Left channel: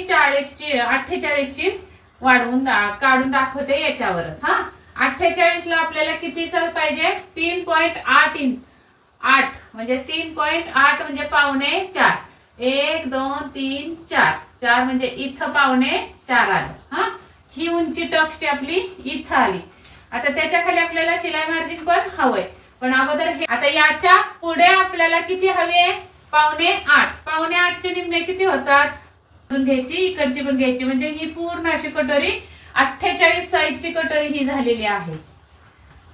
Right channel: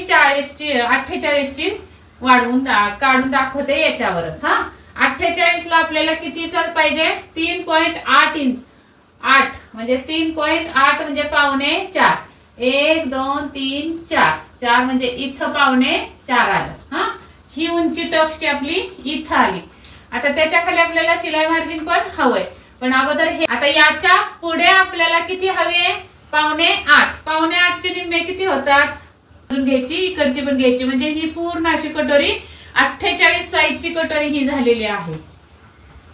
मी 48 ची वाढवून काढून दाखवते याच्यावरच। हा 48 ला आपल्याला किती पाहिजे 3.8 8 म्हणजे 3.8 म्हणजे पावणे 4 1 2 3 4 4 म्हणजे इथं पावणे 4 आलं। हा ही उंची टक्सची आपली इथं आली। आता त्याच्या खाली आपल्याला शिलाई मार्जिन पण हवंय, पण अगोदर हे आता याच्या पुढे आपल्याला किती हवे पावणे 8 पावणे 8 चे निम्मे किती होतात घ्यायची इकडची पण घ्यायची म्हणजे ही पूर्ण अशी कटोरी 48 साईजची कटोरी ही झालेली आहे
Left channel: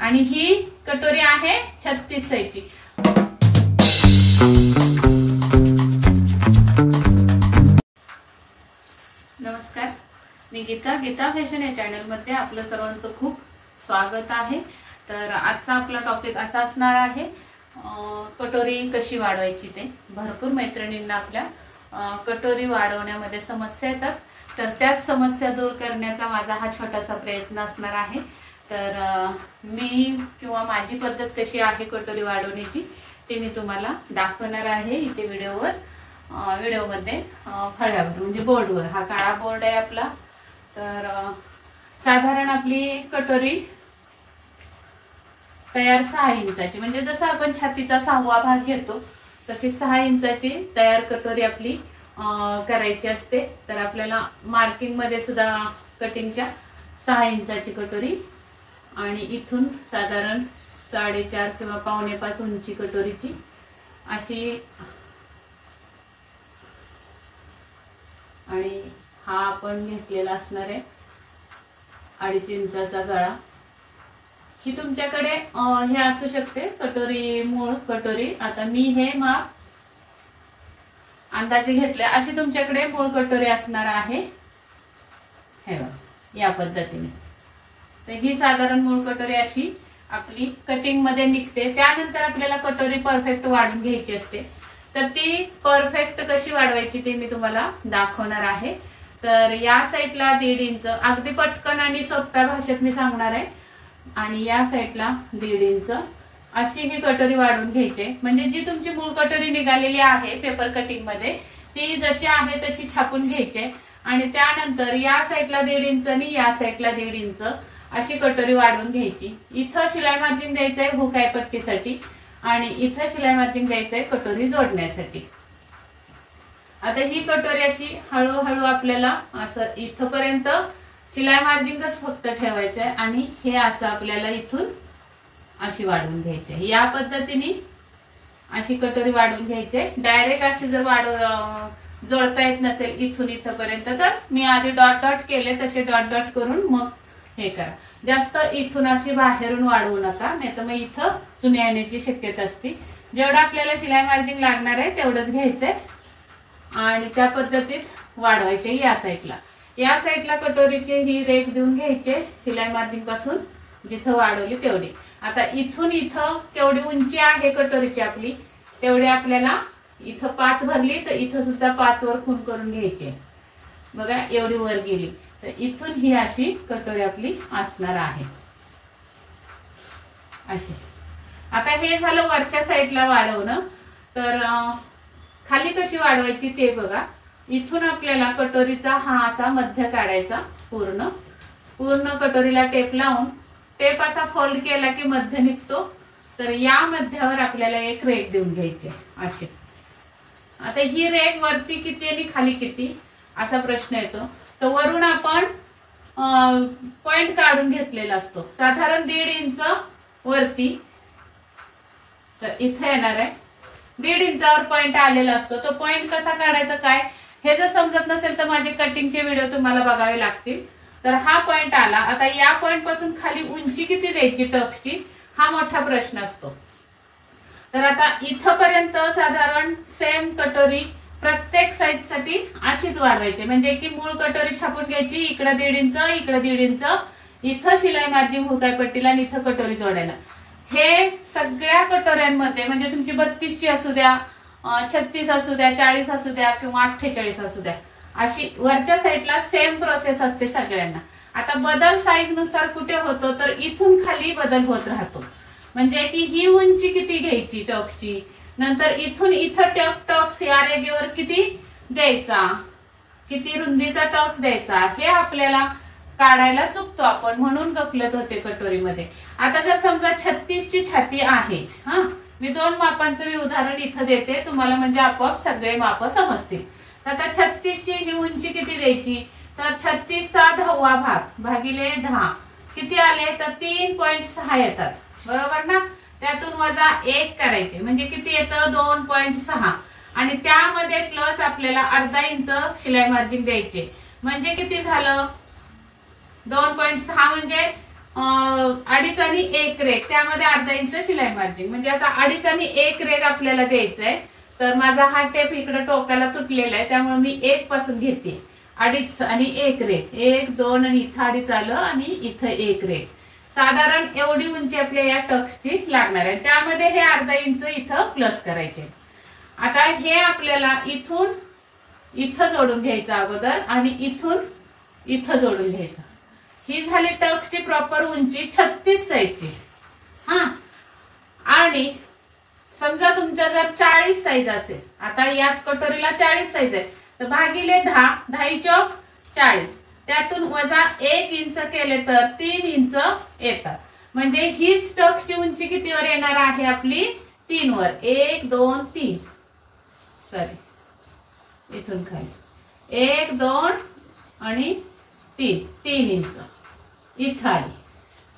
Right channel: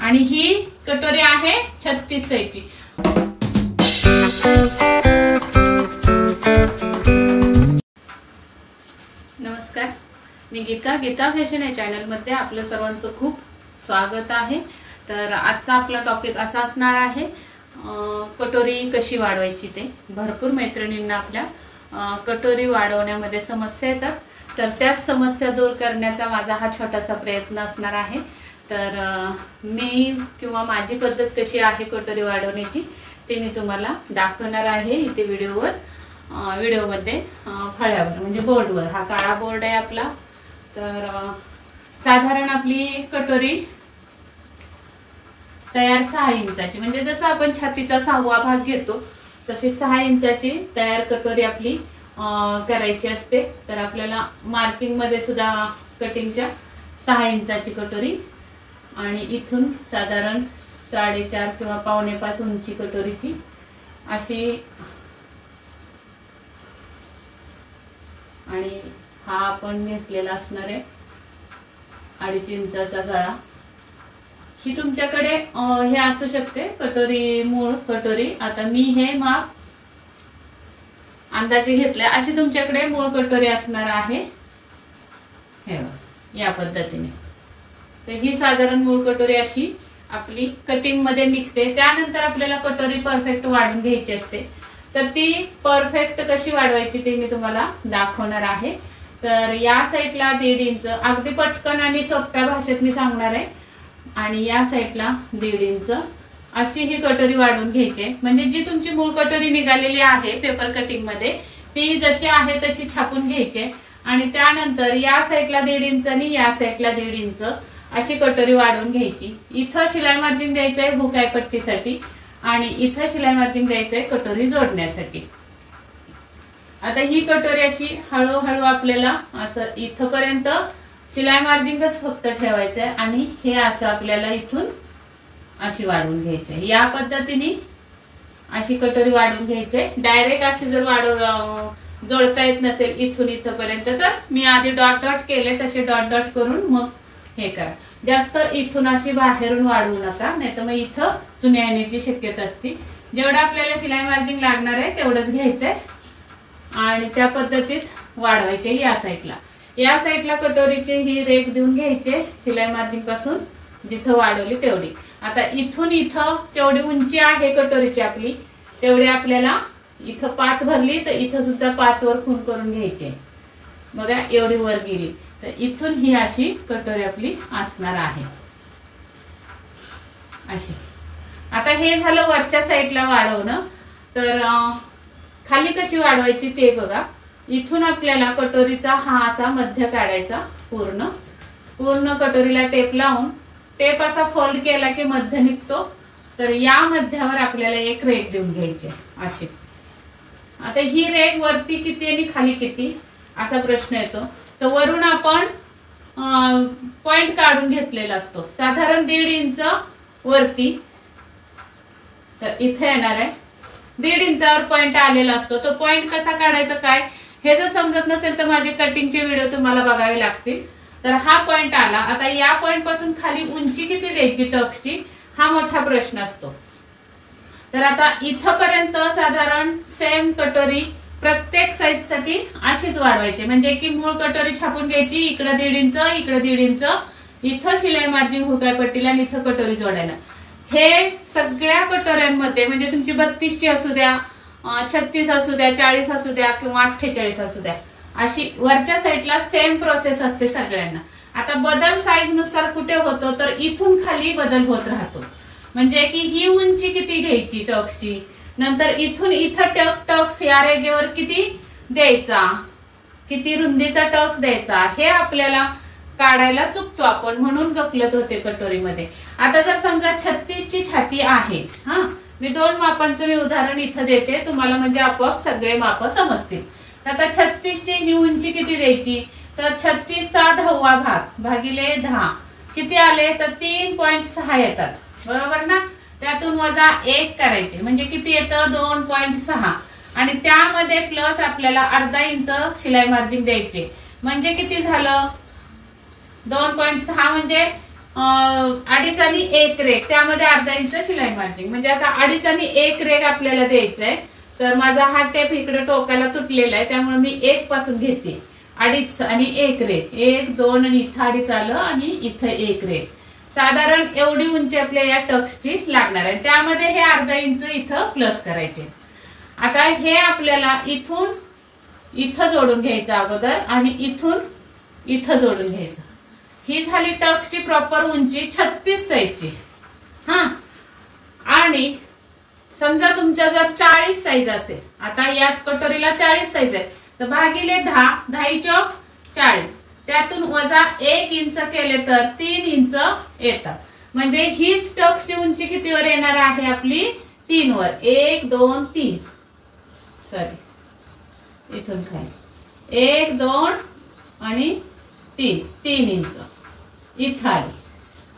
आणि ही कटोरी आहे 36 साईजची। नमस्कार, मी गीता फॅशन या चॅनल मध्ये आपलं सर्वांचं खूप स्वागत आहे। तर आजचा आपला टॉपिक असा असणार आहे कटोरी कशी वाढवायची ते। भरपूर मैत्रिणींना आपल्या कटोरी वाढवण्यामध्ये समस्या येतात, तर त्याच समस्या दूर करण्याचा माझा हा छोटासा प्रयत्न असणार आहे। तर मी किंवा माझी पद्धत कशी आहे कटोरी वाढवण्याची ते मी तुम्हाला दाखवणार आहे इथे व्हिडिओमध्ये फळ्यावर म्हणजे बोर्डवर। हा काळा बोर्ड आहे आपला। तर साधारण आपली कटोरी तयार 6 इंचाची म्हणजे जसं आपण छातीचा 6वा भाग घेतो तशी 6 इंचाची तयार कटोरी आपली करायची असते। तर आपल्याला मार्किंग मध्ये सुद्धा कटिंगच्या 6 इंचाची कटोरी आणि इथून साधारण 4.5 किंवा पावणे 5 उंची कटोरीची अशी, आणि हा आपण घेतलेला असणार आहे 2.5 इंचाचा गळा। ही तुमच्याकडे हे असू शकते कटोरी मूळ कटोरी। आता मी हे माप अंदाजे घेतले, अशी तुमच्याकडे मूळ कटोरी असणार आहे हे या पद्धतीने। तर ही साधारण मूळ कटोरी अशी आपली कटिंग मध्ये निघते। त्यानंतर आपल्याला कटोरी परफेक्ट वाढून घ्यायची असते, तर ती परफेक्ट कशी वाढवायची ते मी तुम्हाला दाखवणार आहे। तर या साईडला 1.5 इंच अगदी पटकन आणि सोप्या भाषेत मी सांगणार आहे, आणि या साईडला 1.5 इंच अशी ही कटोरी वाढवून घ्यायची। म्हणजे जी तुमची मूळ कटोरी निघालेली आहे पेपर कटिंग मध्ये ती जशी आहे तशी छापून घ्यायची, आणि त्यानंतर या साईडला 1.5 इंच आणि या साईडला 1.5 इंच अशी कटोरी वाढवून घ्यायची। इथं शिलाई मार्जिन द्यायचंय हुक आय पट्टीसाठी आणि इथं शिलाई मार्जिन द्यायचंय कटोरी जोडण्यासाठी। आता ही कटोरी अशी हळूहळू आपल्याला असं इथपर्यंत शिलाई मार्जिनच फक्त ठेवायचंय आणि हे असं आपल्याला इथून अशी वाढवून घ्यायची। या पद्धतीने अशी कटोरी वाढवून घ्यायची। डायरेक्ट अशी जर जोडता येत नसेल इथून इथपर्यंत तर मी आधी डॉट डॉट केले तसे डॉट डॉट करून मग हे करा। जास्त इथून अशी बाहेरून वाढवू नका, नाहीतर मग इथं चुन्या येण्याची शक्यता असते। जेवढं आपल्याला शिलाई मार्जिन लागणार आहे तेवढंच घ्यायचंय आणि त्या पद्धतीत वाढवायचे। या साईडला कटोरीची ही रेख देऊन घ्यायचे शिलाई मार्जिन पासून जिथं वाढवली तेवढी। आता इथून इथं तेवढी उंची आहे कटोरीची आपली, तेवढी आपल्याला इथं 5 भरली तर इथं सुद्धा 5 वर खून करून घ्यायचे। बघा एवढी वर गेली तर इथून ही अशी कटोरी आपली असणार आहे अशी। आता हे झालं वरच्या साईडला वाढवणं। तर खाली कशी वाढवायची ते बघा। इथून आपल्याला कटोरीचा हा असा मध्य काढायचा, पूर्ण कटोरीला टेप लावून टेप असा फोल्ड केला की मध्य निघतो। तर या मध्यावर आपल्याला एक रेघ देऊन घ्यायची अशी। आता ही रेघ वरती किती आणि खाली किती असा प्रश्न येतो, तर वरून आपण पॉइंट काढून घेतलेला असतो साधारण 1.5 इंच वरती। तर इथे येणार आहे 1.5 इंचावर पॉइंट आलेला असतो। तो पॉइंट कसा काढायचा काय हे जर समजत नसेल तर माझे कटिंगचे व्हिडिओ तुम्हाला बघावे लागतील। तर हा पॉइंट आला। आता या पॉइंट पासून खाली उंची किती द्यायची टक्सची हा मोठा प्रश्न असतो। तर आता इथपर्यंत साधारण सेम कटोरी प्रत्येक साईज साठी अशीच वाढवायची, म्हणजे की मूळ कटोरी छापून घ्यायची, इकडे 1.5 इंच इकडे 1.5 इंच, इथं शिलाई मार्जिन हुकाय पट्टीला आणि इथं कटोरी जोडायला। हे सगळ्या कटोऱ्यांमध्ये म्हणजे तुमची 32 ची असू द्या, 36 असू द्या, 40 असू द्या किंवा 48 असू द्या, अशी वरच्या साईडला सेम प्रोसेस असते सगळ्यांना। आता बदल साईज नुसार कुठे होतो तर इथून खाली बदल होत राहतो, म्हणजे की ही उंची किती घ्यायची टक्सची, नंतर इथून इथं टक्स या रेगेवर किती द्यायचा, किती रुंदीचा टक्स द्यायचा हे आपल्याला काढायला चुकतो आपण, म्हणून गफलत होते कटोरीमध्ये. आता जर समजा 36 ची छाती आहे, हा मी 2 मापांचं मी उदाहरण इथं देते तुम्हाला, म्हणजे आपोआप सगळे माप समजतील. आता 36 ची ही उंची किती द्यायची, तर 36 चा 10वा भाग भागिले 10 किती आले, तर 3.6 येतात, बरोबर ना. त्यातून वजा 1 करायचे म्हणजे किती येतं, 2.6 आणि त्यामध्ये प्लस आपल्याला अर्धा इंच शिलाई मार्जिन द्यायचे, म्हणजे किती झालं 2.6 म्हणजे 2.5 आणि 1 रेग, त्यामध्ये अर्धा इंच शिलाई मार्जिन, म्हणजे आता 2.5 आणि 1 रेग आपल्याला द्यायचंय. तर माझा हा टेप इकडे टोकाला तुटलेला आहे, त्यामुळे मी 1 पासून घेते. 2.5 आणि 1 रेग, 1 2 आणि इथं 2.5 आलं आणि इथं 1 रेग. साधारण एवढी उंची आपल्या या टक्सची लागणार आहे. त्यामध्ये हे अर्धा इंच इथं प्लस करायचे. आता हे आपल्याला इथून इथं जोडून घ्यायचं अगोदर आणि इथून इथं जोडून घ्यायचं. ही झाली टक्सची प्रॉपर उंची 36 साईजची. हा, आणि समजा तुमच्या जर 40 साईज असेल, आता याच कटोरीला 40 साईज आहे, तर भागिले 10, 10 चौक 40, त्यातून वजा 1 इंच केले तर 3 इंच येतात. म्हणजे हीच टक्सची उंची कितीवर येणार आहे आपली, 3 वर. 1 2 3, सॉरी इथून खाली 1 2 आणि 3 इंच इथं आली.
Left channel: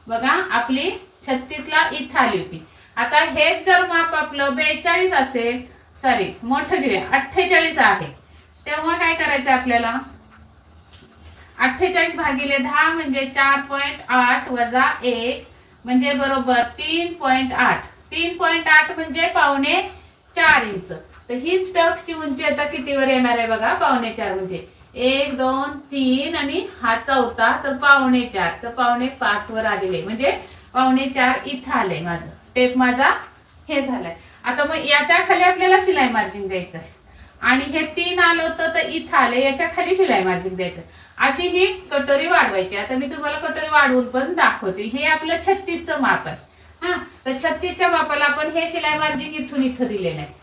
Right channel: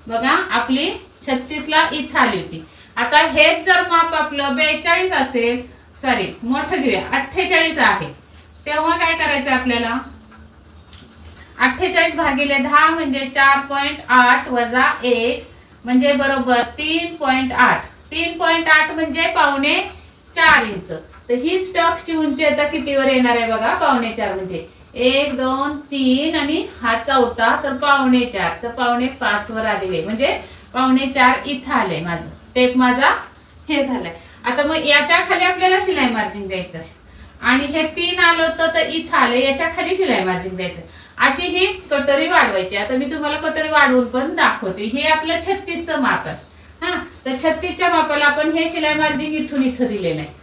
बघा आपली 36 ला इथं आली होती. आता हेच जर माप आपलं 42 असेल, सॉरी मोठं घेऊया, 48 आहे, तेव्हा काय करायचं आपल्याला, 48 भागिले 10 म्हणजे 4.8 वजा 1 म्हणजे बरोबर 3.8. 3.8 म्हणजे 4.5 इंच. तर हीच टक्सची उंची आता कितीवर येणार आहे बघा, 4.5 म्हणजे 1 2 3 आणि हा चौथा तर 4.5, तर 4.5 वर आलेले म्हणजे 4.5 इथं आलंय माझं टेप, माझा हे झालंय. आता मग याच्या खाली आपल्याला शिलाई मार्जिन द्यायचं आहे आणि हे 3 आलं होतं तर इथं आले, याच्या खाली शिलाई मार्जिन द्यायचं. अशी ही कटोरी वाढवायची. आता मी तुम्हाला कटोरी वाढवून पण दाखवते. हे आपलं 36चं माप आहे. हा, तर 36च्या मापाला आपण हे शिलाई मार्जिन इथून इथं दिलेलं आहे.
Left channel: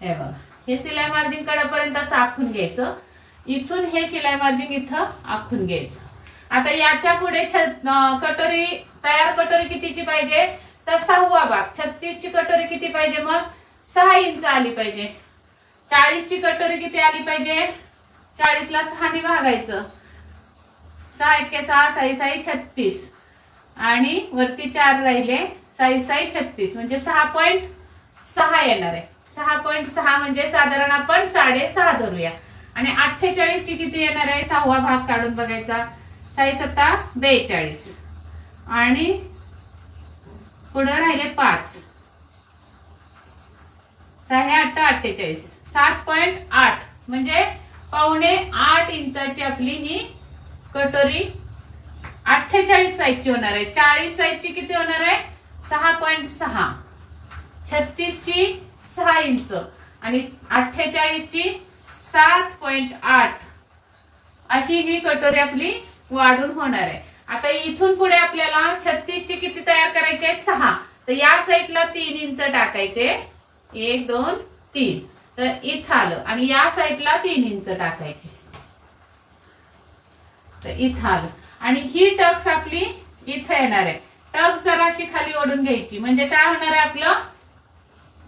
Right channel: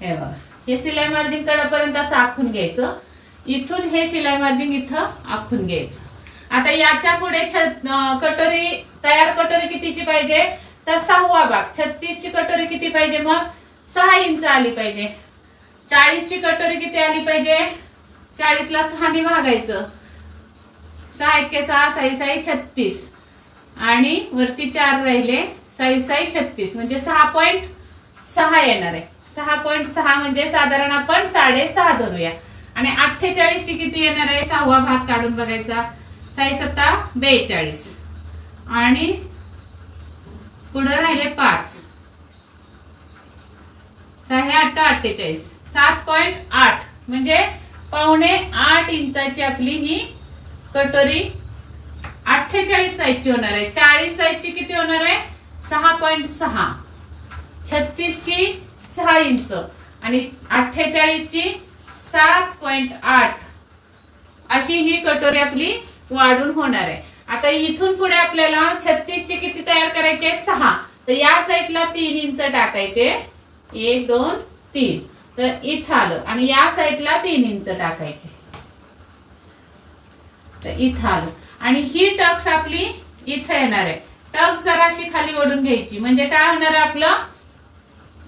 हे बघा, हे शिलाई मार्जिन कडेपर्यंत असं आखून घ्यायचं, इथून हे शिलाई मार्जिन इथं आखून घ्यायचं. आता याच्या पुढे कटोरी तयार कटोरी कितीची पाहिजे, तर 6वा भाग. 36 ची कटोरी किती पाहिजे, मग 6 इंच आली पाहिजे. 40 ची कटोरी किती आली पाहिजे, 40 ला 6 ने भागायचं, 6 1 6, 6 6 36 आणि वरती 4 राहिले, 6 6 36 म्हणजे 6.6 येणार आहे. 6.6 म्हणजे साधारण आपण 6.5 धरूया. आणि 48 ची किती येणार आहे, 6वा भाग काढून बघायचा, 6 7 42 आणि पुढे राहिले 5, 6 8 48, 7.8 म्हणजे 7.5 इंचाची आपली ही कटोरी 48 साईजची होणार आहे. 40 साईजची किती होणार आहे, 6.6, 36 ची 6 इंच आणि 48 ची 7.8 अशी ही कटोरी आपली वाढून होणार आहे. आता इथून पुढे आपल्याला 36 ची किती तयार करायचे, 6, तर या साईडला 3 इंच टाकायचे, 1 2 3, तर इथं आलं आणि या साईडला 3 इंच टाकायचे, तर इथं आलं. आणि ही टक्स आपली इथं येणार आहे. टक्स जराशी खाली ओढून घ्यायची, म्हणजे काय होणार आहे आपलं,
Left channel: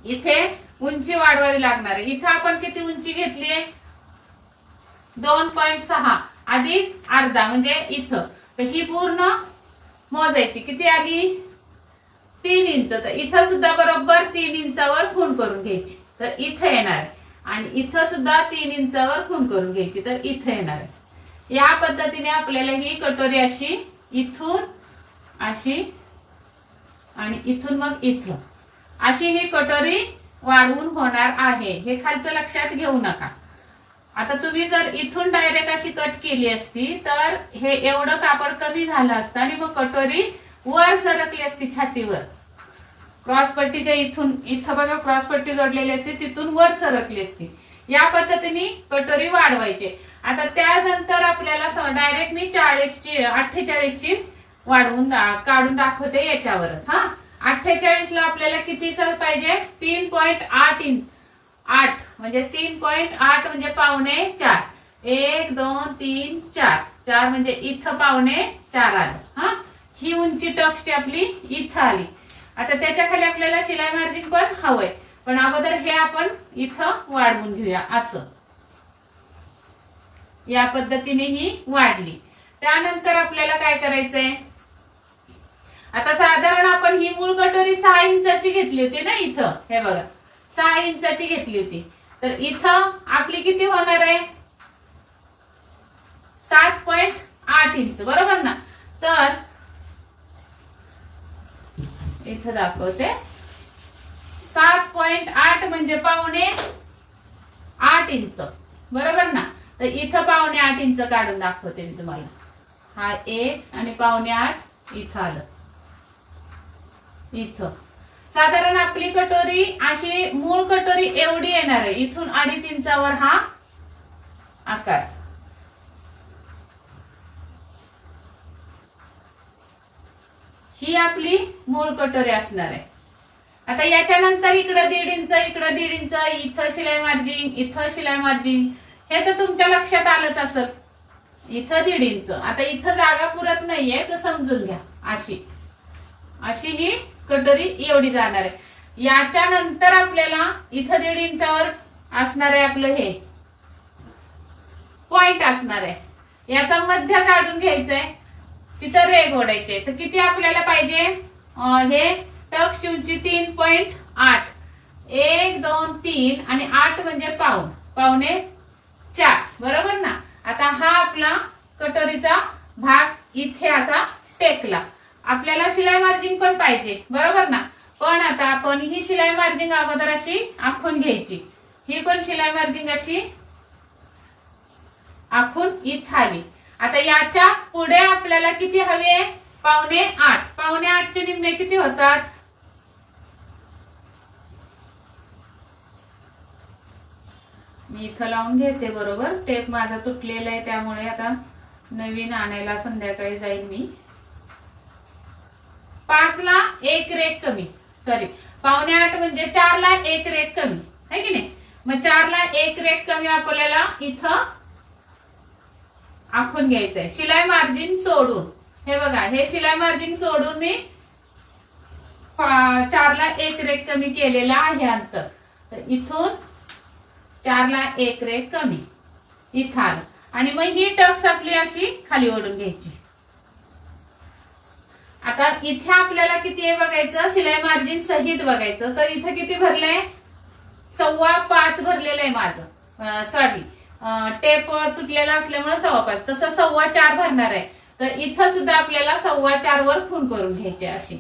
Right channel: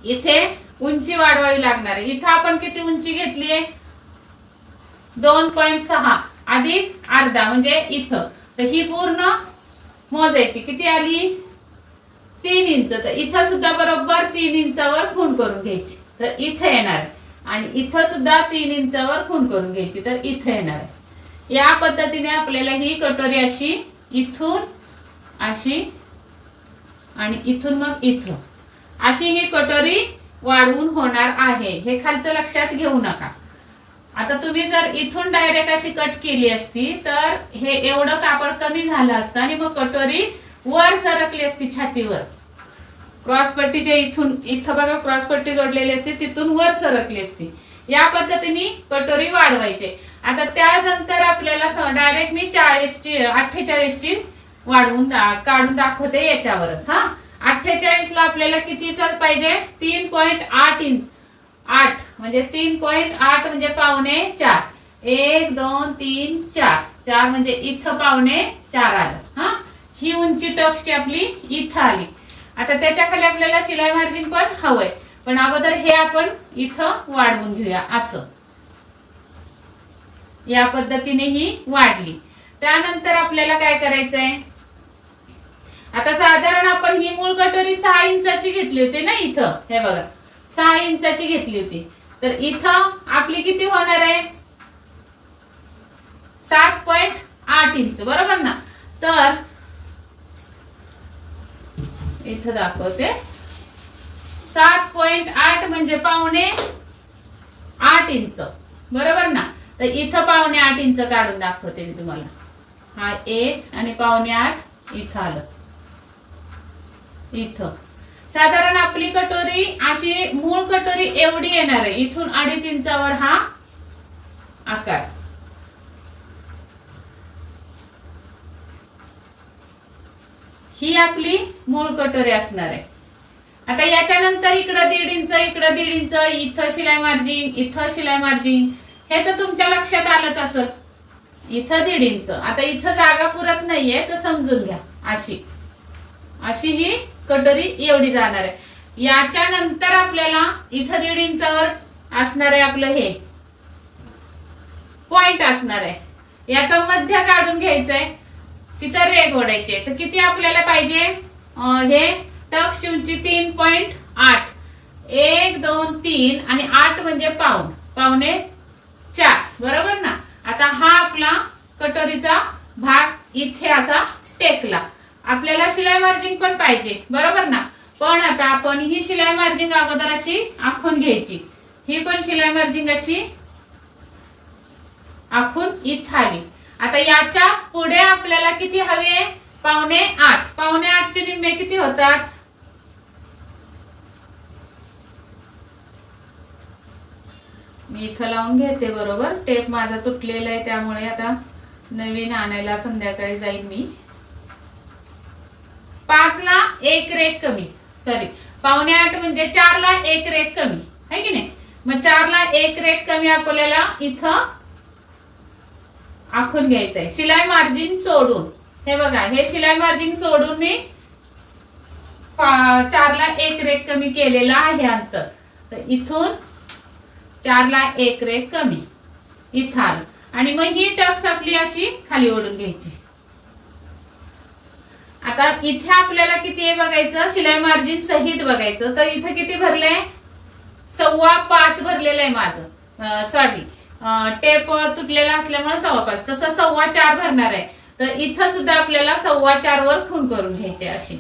इथे उंची वाढवावी लागणार आहे. इथं आपण किती उंची घेतली आहे, 2.6 अधिक अर्धा म्हणजे इथं, तर ही पूर्ण मोजायची किती आली, 3 इंच. तर इथं सुद्धा बरोबर 3 इंचावर खूण करून घ्यायची, तर इथे येणार. आणि इथं सुद्धा 3 इंचावर खूण करून घ्यायची, तर इथे येणार आहे. या पद्धतीने आपल्याला ही कटोरी अशी इथून अशी आणि इथून मग इथं अशी ही कटोरी वाढवून होणार आहे. हे खालचं लक्षात घेऊ नका. आता तुम्ही जर इथून डायरेक्ट अशी कट केली असती तर हे एवढं कापड कमी झालं असतं आणि मग कटोरी वर सरकली असती छातीवर. क्रॉसपट्टीच्या इथून इथं बघा क्रॉसपट्टी जोडलेली असते, तिथून वर सरकली असती. या पद्धतीने कटोरी वाढवायची. आता त्यानंतर आपल्याला डायरेक्ट मी 48 ची वाढवून काढून दाखवते याच्यावरच. हा, 48 ला आपल्याला कितीचा पाहिजे, 3.8 इंच, 8 म्हणजे 3.8 म्हणजे 4.5. 1 2 3 4 4 म्हणजे इथं पावणे 4 आलं. हा, ही उंची टक्सची आपली इथं आली. आता त्याच्या खाली आपल्याला शिलाई मार्जिन पण हवंय, पण अगोदर हे आपण इथं वाढवून घेऊया. असं या पद्धतीने ही वाढली. त्यानंतर आपल्याला काय करायचंय, आता साधारण आपण ही मूळ कटोरी 6 इंचाची घेतली होती ना. इथं हे बघा 6 इंचाची घेतली होती, तर इथं आपली किती होणार आहे, 7.8 इंच, बरोबर ना. तर इथं दाखवते 7.8 म्हणजे पावणे 8 इंच, बरोबर ना. तर इथं पावणे 8 इंच काढून दाखवते मी तुम्हाला. हा 1 आणि पावणे 8 इथं आलं. इथं साधारण आपली कटोरी अशी मूळ कटोरी एवढी येणार आहे. इथून 2.5 इंचावर हा आकार. ही आपली मूळ कटोरी असणार आहे. आता याच्यानंतर इकडं 1.5 इंच, इकडं 1.5 इंच, इथं शिलाई मार्जिन, इथं शिलाई मार्जिन, हे तर तुमच्या लक्षात आलंच असेल. इथं 1.5 इंच. आता इथं जागा पुरत नाहीये तर समजून घ्या. अशी ही कटोरी एवढी जाणार आहे. याच्यानंतर आपल्याला इथं 1.5 इंचावर असणार आहे आपलं हे पॉइंट असणार आहे. याचा मध्य काढून घ्यायचंय, तिथं रेघ ओढायचे. तर किती आपल्याला पाहिजे, हे टक्सची उंची 3.8, 1 2 3 आणि 8 म्हणजे पावणे 4, बरोबर ना. आता हा आपला कटोरीचा भाग इथे असा टेकला. आपल्याला शिलाई मार्जिन पण पाहिजे, बरोबर ना. पण आता आपण ही शिलाई मार्जिन अगोदर अशी आखून घ्यायची. ही पण शिलाई मार्जिन अशी आखून इथं आली. आता याच्या पुढे आपल्याला किती हवे, पावणे 8. पावणे 8 चे निम्मे किती होतात, मी इथं लावून घेते. बरोबर, टेप माझा तुटलेला आहे त्यामुळे आता नवीन आणायला संध्याकाळी जाईल मी. 5 ला 1 रेघ कमी, सॉरी पावणे 8 म्हणजे 4 ला 1 रेघ कमी आहे की नाही. मग 4 ला 1 रेघ कमी आपल्याला इथं आखून घ्यायचंय शिलाई मार्जिन सोडून. हे बघा, हे शिलाई मार्जिन सोडून मी 4 ला 1 रेघ कमी केलेला आहे अंतर. तर इथून 4 ला 1 रेघ कमी इथं आलं. आणि मग ही टक्स आपली अशी खाली ओढून घ्यायची. आता इथे आपल्याला किती आहे बघायचं, शिलाई मार्जिन सहित बघायचं. तर इथं किती भरलंय, 5.25 भरलेलं आहे माझं. सॉरी, टेप तुटलेला असल्यामुळे 5.25, तसं 4.25 भरणार आहे. तर इथं सुद्धा आपल्याला 4.25 वर खूण करून घ्यायचे अशी.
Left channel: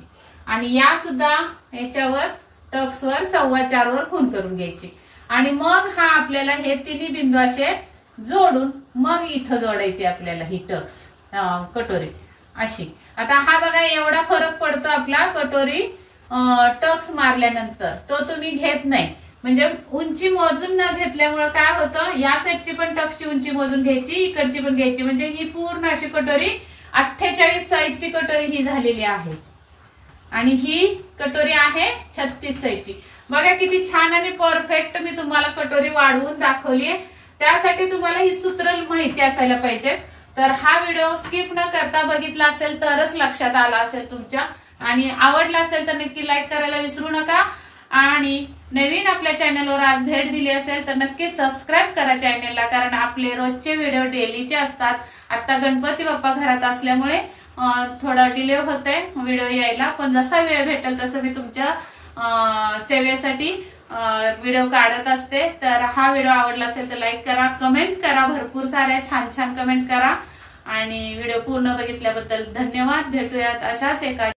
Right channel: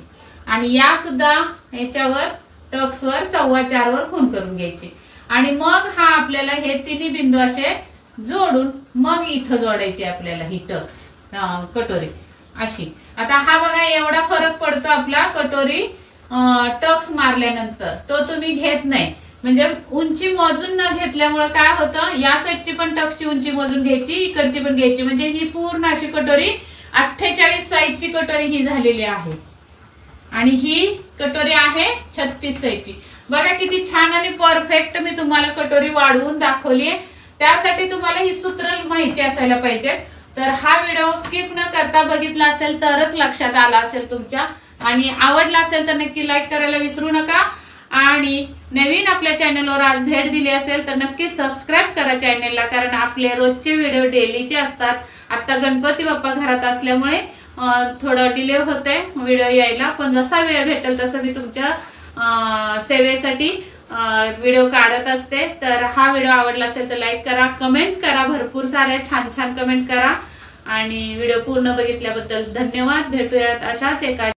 आणि या सुद्धा याच्यावर टक्सवर 4.25 वर खूण करून घ्यायची. आणि मग हा आपल्याला हे तिन्ही बिंदू असे जोडून मग इथं जोडायची आपल्याला ही टक्स कटोरी अशी. आता हा बघा एवढा फरक पडतो आपला कटोरी टक्स मारल्यानंतर. तो तुम्ही घेत नाही, म्हणजे उंची मोजून न घेतल्यामुळे काय होतं, या साईडची पण टक्सची उंची मोजून घ्यायची, इकडची पण घ्यायची. म्हणजे ही पूर्ण अशी कटोरी 48 साईजची कटोरी ही झालेली आहे. आणि ही कटोरी आहे 36 साईजची. बघा किती छान आणि परफेक्ट मी तुम्हाला कटोरी वाढवून दाखवली. त्यासाठी तुम्हाला ही सूत्र माहिती असायला पाहिजे. तर हा व्हिडिओ स्किप न करता बघितला असेल तरच लक्षात आला असेल तुमच्या. आणि आवडला असेल तर नक्की लाईक करायला विसरू नका. आणि नवीन आपल्या चॅनलवर आज भेट दिली असेल तर नक्की सबस्क्राईब करा चॅनलला, कारण आपले रोजचे व्हिडिओ डेलीचे असतात. आता गणपती बाप्पा घरात असल्यामुळे थोडा डिले होतोय व्हिडिओ यायला, पण जसा वेळ भेटेल तसं मी तुमच्या सेवेसाठी व्हिडिओ काढत असते. तर हा व्हिडिओ आवडला असेल तर लाईक करा, कमेंट करा, भरपूर साऱ्या छान छान कमेंट करा. आणि व्हिडिओ पूर्ण बघितल्याबद्दल धन्यवाद. भेटूयात अशाच एका